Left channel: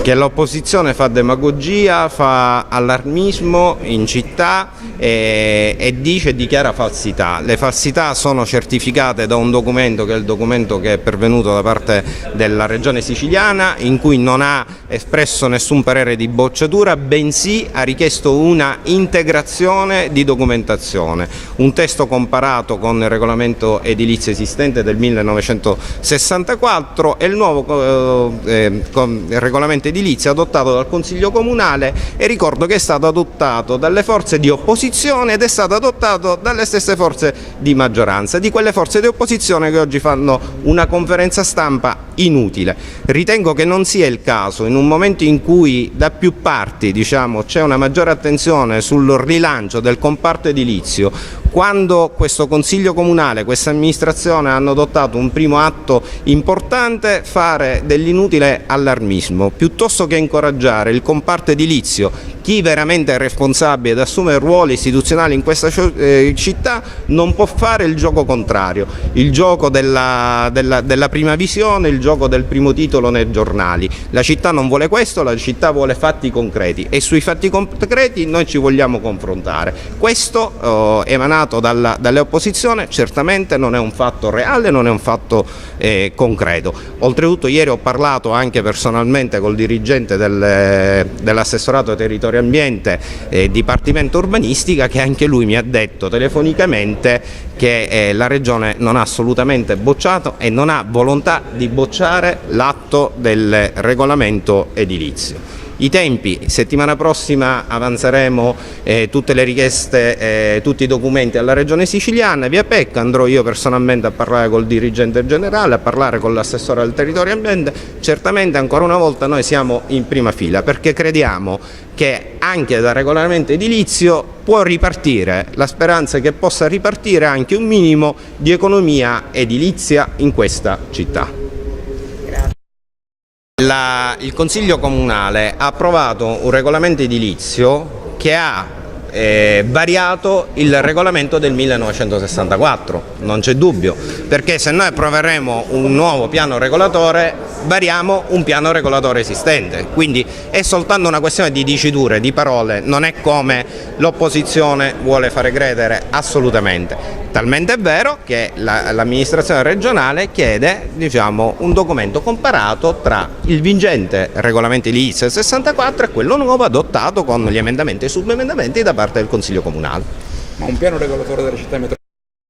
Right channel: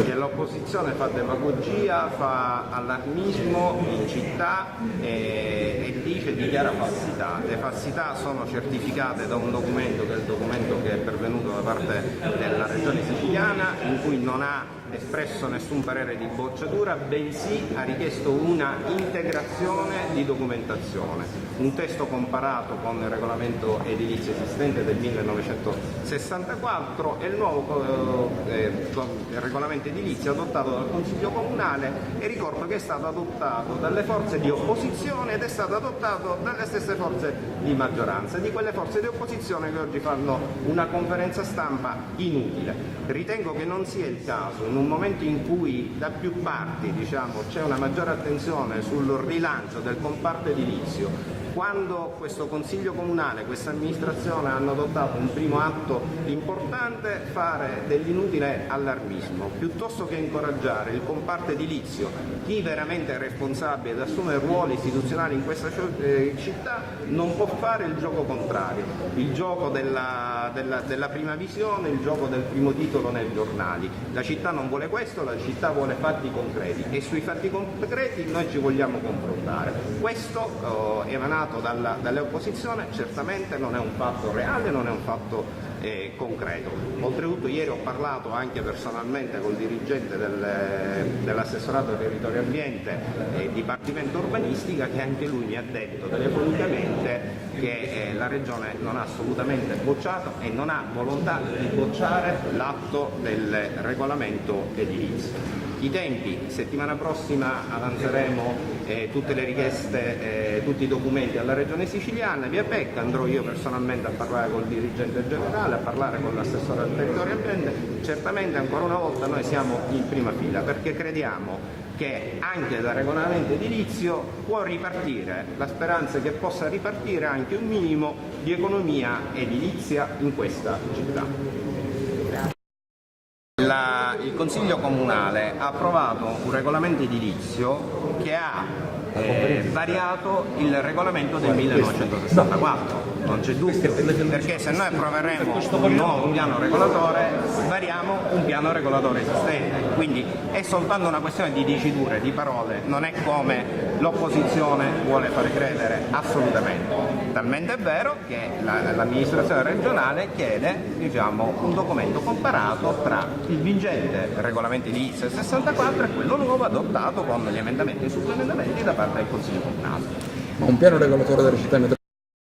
che l'opposizione fa demagogia, fa allarmismo in città e dice e dichiara falsità. Le falsità sono certificate da un documento che è il documento che è pervenuto da parte della Regione Siciliana, in cui non ha espresso nessun parere di bocciatura, bensì ha richiesto una integrazione di documentazione, un testo comparato con il regolamento edilizio esistente del 1964 e il nuovo regolamento edilizio adottato dal Consiglio Comunale, e ricordo che è stato adottato dalle forze di opposizione ed è stato adottato dalle stesse forze di maggioranza, di quelle forze di opposizione che oggi fanno una conferenza stampa inutile. Ritengo che non sia il caso, in un momento in cui da più parti c'è una maggiore attenzione sul rilancio del comparto edilizio, quando questo Consiglio Comunale, questa amministrazione hanno adottato un primo atto importante, fare dell'inutile allarmismo, piuttosto che incoraggiare il comparto edilizio. Chi veramente è responsabile ed assume ruoli istituzionali in questa città non può fare il gioco contrario, il gioco della prima visione, il gioco del primo titolo nei giornali. La città non vuole questo, la città vuole fatti concreti e sui fatti concreti noi ci vogliamo confrontare. Questo emanato dalle opposizione certamente non è un fatto reale, non è un fatto concreto. Oltretutto ieri ho parlato anche personalmente col dirigente dell'assessorato territoriale ambiente Dipartimento Urbanistica, che anche lui mi ha detto telefonicamente che la Regione non ha assolutamente bocciato e non ha volontà di bocciare l'atto del regolamento edilizio. I tempi: settimana prossima avanzeremo tutte le richieste, tutti i documenti alla Regione Siciliana, via PEC, andrò io personalmente a parlare col dirigente generale, a parlare con l'assessore al territorio e ambiente. Certamente ancora una volta noi siamo in prima fila perché crediamo che anche dal regolamento edilizio può ripartire, la speranza è che possa ripartire anche un minimo di economia edilizia in questa città. Il Consiglio Comunale ha approvato un regolamento edilizio che ha variato il regolamento del 1964, non c'è dubbio, perché se noi approveremo un nuovo piano regolatore variamo un piano regolatore esistente, quindi è soltanto una questione di diciture, di parole, non è come l'opposizione vuole fare credere assolutamente. Talmente è vero che l'amministrazione regionale chiede un documento comparato tra il vigente regolamento edilizio del 64 e quello nuovo adottato con gli emendamenti e subemendamenti da parte del Consiglio Comunale. Un piano regolatore della città metropolitana